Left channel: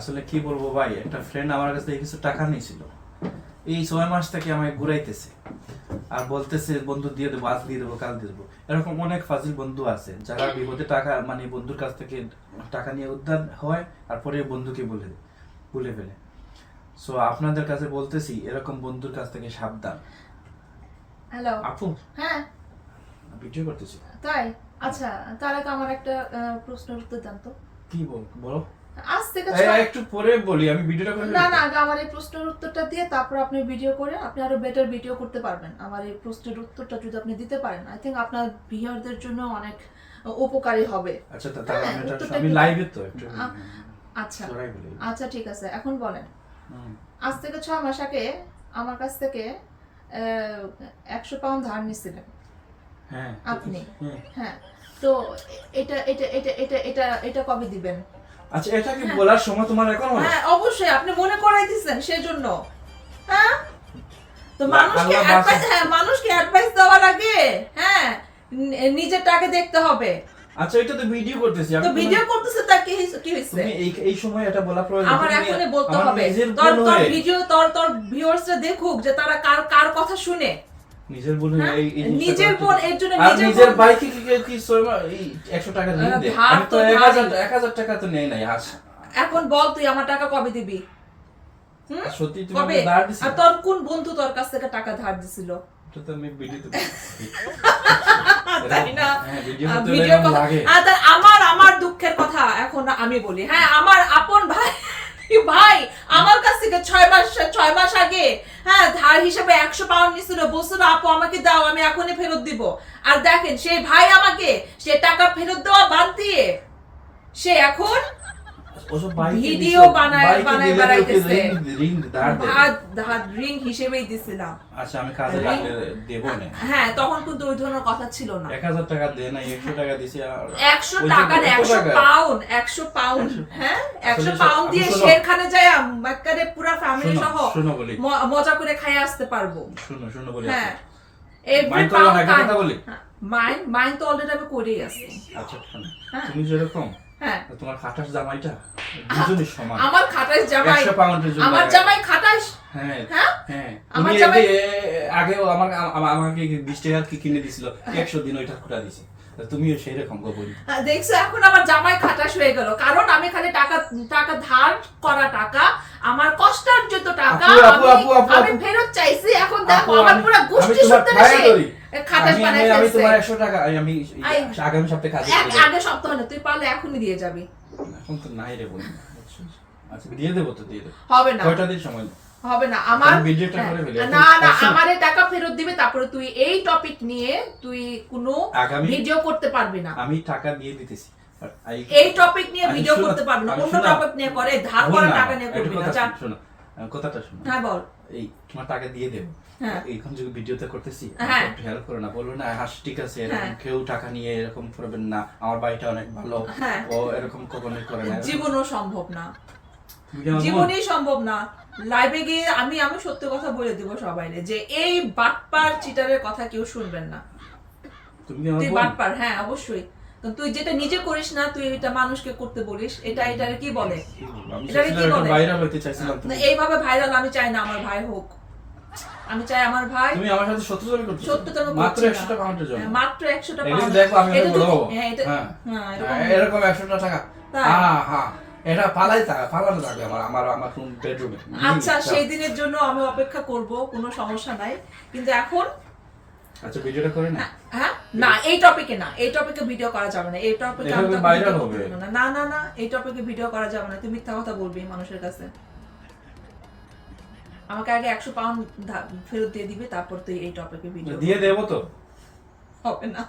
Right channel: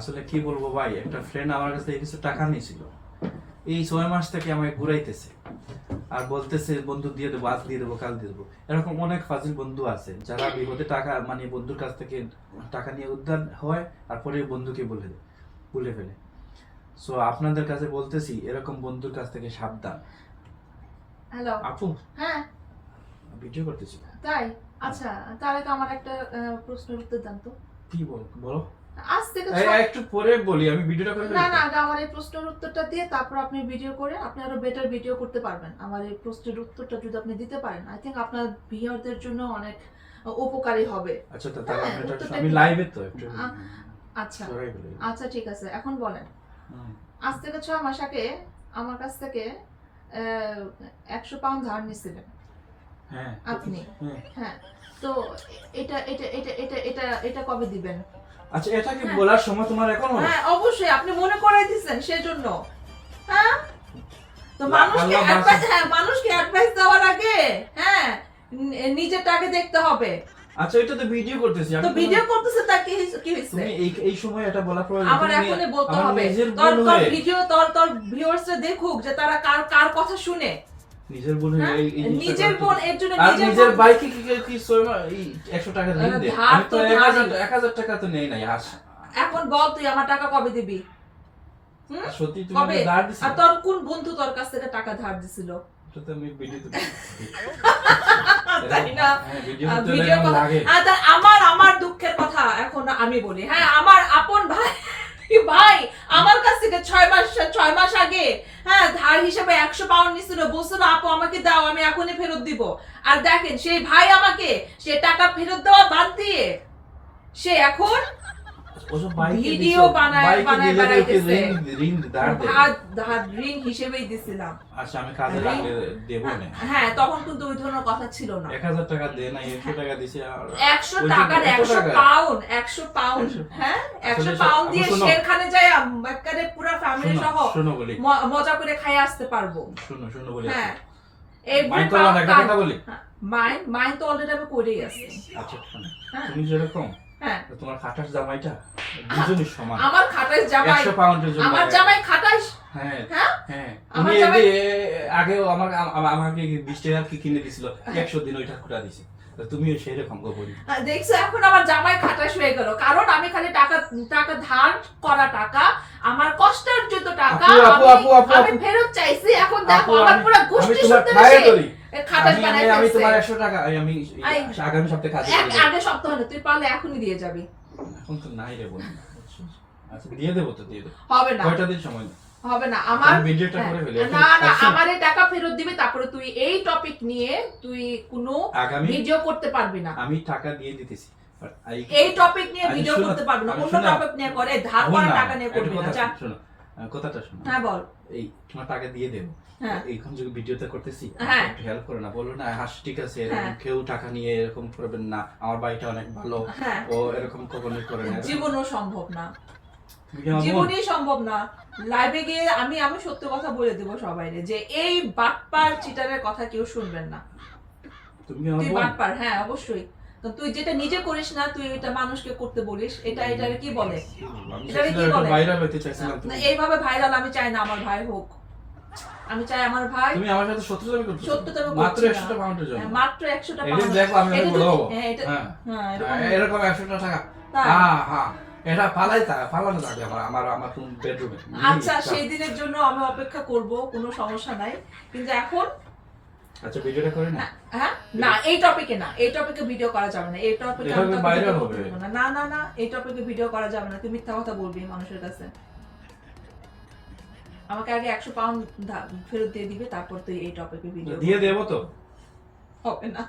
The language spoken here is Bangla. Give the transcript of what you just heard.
আসলে কি বলব ভাই একটা ফ্রেন্ড আমার কাছ থেকে কিছু টাকা নিয়েছিল। এই ছয় মাস থেকে আমাকে ঘুরাইতেছে। আর বলতেছে বন্ধু দিয়ে দেবো আজ দিয়ে দেবো কাল দিয়ে দেবো। এরকম অনেক ফাজিল বন্ধু আছে যারা বিপদে টাকা মানে বন্ধুর কাছ থেকে টাকা নিয়ে উদ্ধার হয় আর পরে বন্ধুকে বলে ভুলে ফেলে। সো আপনাদের কাছে বলতেছি এরকম বন্ধুর কাছ থেকে সাবধান। হ্যালো আপু? হ্যাঁ। ভিডিও করতেছি। তাই? আচ্ছা তার আগে আমার একটা প্রশ্নের উত্তর দেন তো। কি বল বলো। আজ থেকে একটু পরে বলি আমি ভিডিওটা করে না না আগে আমার এই প্রশ্নের উত্তরটা দিয়ে তারপর আপনি ভিডিও করে আপনি আরও বেটার ভিডিও করতে পারবেন। আমার এই প্রশ্নের উত্তরটা যদি আপনি দিতে পারেন আই থিঙ্ক আপনার ভিউয়ারদের জন্য অনেক উপকারী হবে। আচ্ছা তাহলে হ্যাঁ, আমি এটা আমি লাইভে তো একটু আচ্ছা। আচ্ছা ঠিক আছে এখন বলেন। আজ থেকে ছয় মাস আগে আমার কাছ থেকে একশো পাউন্ড ধার নিছিলেন। হ্যাঁ আপনি? হ্যাঁ। হ্যাঁ তো এটা এটা এটা এটা এটা এটা কবে দিবেন? আচ্ছা এটা কি বলার সময় তোমার এখন? হলো? হ্যাঁ অবশ্যই আপনি মনে করাই দিচ্ছেন সেজন্য। হ্যাঁ? তো মানুষকে অ্যাডভাইস হ্যাঁ মানুষকে অ্যাডভাইস দেওয়ার আগে হ্যাঁ নিজেরটাকে দেখতে হবে। আচ্ছা এটা তো ভিডিও করতেছি তো ভিডিও করতেছে তা কি কি হয়েছে তুমি এই এই সময় এটা বলা প্রয়োজন আমার এখনই বলতে হবে। তোর তোর ভিডিও তোর তোর ভিউয়ার্সরা দেখুক যে তারা কার কার কথা শুনে। নিজের ভুল হয়ে? নিজের বোন এর জন্য নিজের বাইকে কি কি- কি সইমা 100 টাকা দে আমি তো তো 1000 ধারই। 1000 টাকা তো নেই নাই আস এখন বল তুই আমার টাকা কবে দিবি? সত্যি তুমি ধার দিছো আর তোর কোন বন্ধু তোর কাছ থেকে টাকা ধার দিছিল? হ্যাঁ, আমার আমার দুঃখের কথা এখন আমি বলি। হ্যাঁ আমার আপন ভাই ভাই আমার কাছ থেকে ছয় মাস ছয় মাস আগে হ্যাঁ ধার হিসেবে একশো পাউন্ড নিছিল বলছিল, আপু, আমাকে দাও, আমি এখনই ফেরত দিব। আর দেখেন, সেই ভাই আমাকে, সে টাকা ফেরত দেওয়া বাদ দিয়ে, সে এখন ওসব ভিডিও বানায়- বানায় দিলে তো ওকে বেড়াইতেছে। ঋণ- ঋণ ধার দেবে। ভাত ধার ঋণ হিসেবেই দিছিলাম। আচ্ছা আমি কাজে লাগলে দেবো না। হ্যাঁ তখন কিন্তু ওই ধরনের কথা ছিল না। এক হাজার টাকা দে না একশো টাকা দিছি আর একশো ওই যে টাকার কত একশো টাকা? পাউন্ড একশো পাউন্ড হ্যাঁ একশো আসলে পাউন্ড দিয়ে শেরখানে যায় একেবারে পুরো ফ্যামিলি সহ শোনো বলি। ম- মজা করে খাই আসতে পারব। শুনো শুনো বলি হ্যাঁ। মাইন্ড করলা না, কথা বলি। মাইন মাইন তো অলরেডি আমি করেই আছি আচ্ছা হ্যাঁ। তুমি যেরকম হ্যাঁ। তোমার খাটাস জামাইটা? দুজনই সমান। আমার খাটাইশ জামাই। একশো পাউন্ডের জন্য আমার জামাই খাটাইশ হ্যাঁ। হ্যাঁ? হ্যাঁ। আমার জামাই- আগেও আমার আমাকে বিশ টাকার কি কিনে দিছিল? একশো দিন ওইটা খুঁটা দিছে। তুমিও সেই রকম গোপন দেখছ এখন আমার জামাই খাটাস হয়ে গেল। কারণ আমি খালি টাকা টাকা ধার করা টাকা। আমার কষ্টার্জিত টাকা আমি-। ফেরত চাইছি। এখন দেখো আমার পুরো গোষ্ঠী তোমার আমি-। তোমার টাকা আমি আমি আগামী সপ্তাহে কাজে এক- চলে যাব। আগে সপ্তাহ না তুই পারলে এখনই দিয়ে যাবি। এখন তো নাই রে বোন। আচ্ছা দিয়ে দেবো তো দিয়ে দেবো। হবে না। কয়টা দিন সময় হবে না। আমার আমি ভিডিওটা হ্যাঁ, করে ফেলি। না না এখন এই টাকা ফেরত দিবে তারপরে তুই এই টপিক নিয়ে তুই কোনো ভিডিও করতে পারবি না। আমি টাকা দিয়ে দিতেছি এই- টপিক নিয়ে ভিডিও করতে পারবি না। অন্য টপিক নিয়ে করে ধার করা টাকা নিয়ে করবি না কথাটা শোনো। হ্যাঁ বল। এই টাকা দিয়ে দেবো। হ্যাঁ। এখন যদি ভিডিওতে করতেছি হ্যাঁ। একটু হেল্প করো না। বলল না হাস ঠিক আছে এরকম হ্যাঁ। কেউ টাকা নিয়ে এরকম করবেন না। আমার বাড়িটা অনেক ভালো। ও এরকম কখনোই করে না জীবনও সম্ভব না? জীবনই সম্ভব না। লাইভে গিয়ে আমি আমি সত্যি কথা বলে দেবো সবাই যে এই বাটপার চিটারের কথা কেউ শুনবেন না। তুমি বাটপার হ্যাঁ অবশ্যই। তো তুই যেটা নিজে করিস না তুই এটা মানুষকে করতে বলিস এটা এটাকে কি বলে? এটারে কি বলে? বাইরে হইতে চাইছিলাম না, এইভাবে ভাইরাল আমি চাই না আমার ভাই হোক। আমি চাই আমার ভাই তুমি আমার সাথে শত্রুতা করতেছো সত্যি তো আমি মাত্র 100 টাকা পাউন্ডের জন্য। হ্যাঁ, মাত্র একশোটা এদিন পাউন্ড দেখো আমি বড় যদি- হ্যাঁ, এটা- হ্যাঁ। হ্যাঁ, এরকম- হ্যাঁ, এরকম 100 টাকা। তাই? হ্যাঁ হ্যাঁ। এটা পালাই থাকে পালানো থাকে আমার আমার আমার রুম বেডরুমে আচ্ছা সেই দিনের জন্য আমি অপেক্ষা করব কোনো সমস্যা নাই। কিন্তু এখন আচ্ছা ভিডিওটা করে না হ্যাঁ না এই টপিকে না এই টপিকে ভিডিও করা যাবে না এই টপিকে আমি ভাইরাল হবে। না। না না এই টপিকে ভিডিও করা যাবে না তুমি মিথ্যা কথা বলবি মানুষের কাছে। আমাকে আগে একশো পাউন্ড ফেরত দিয়ে দিবে তারপর তুই এই টপিকে ভিডিও দিয়ে দেবো তো। হবে না।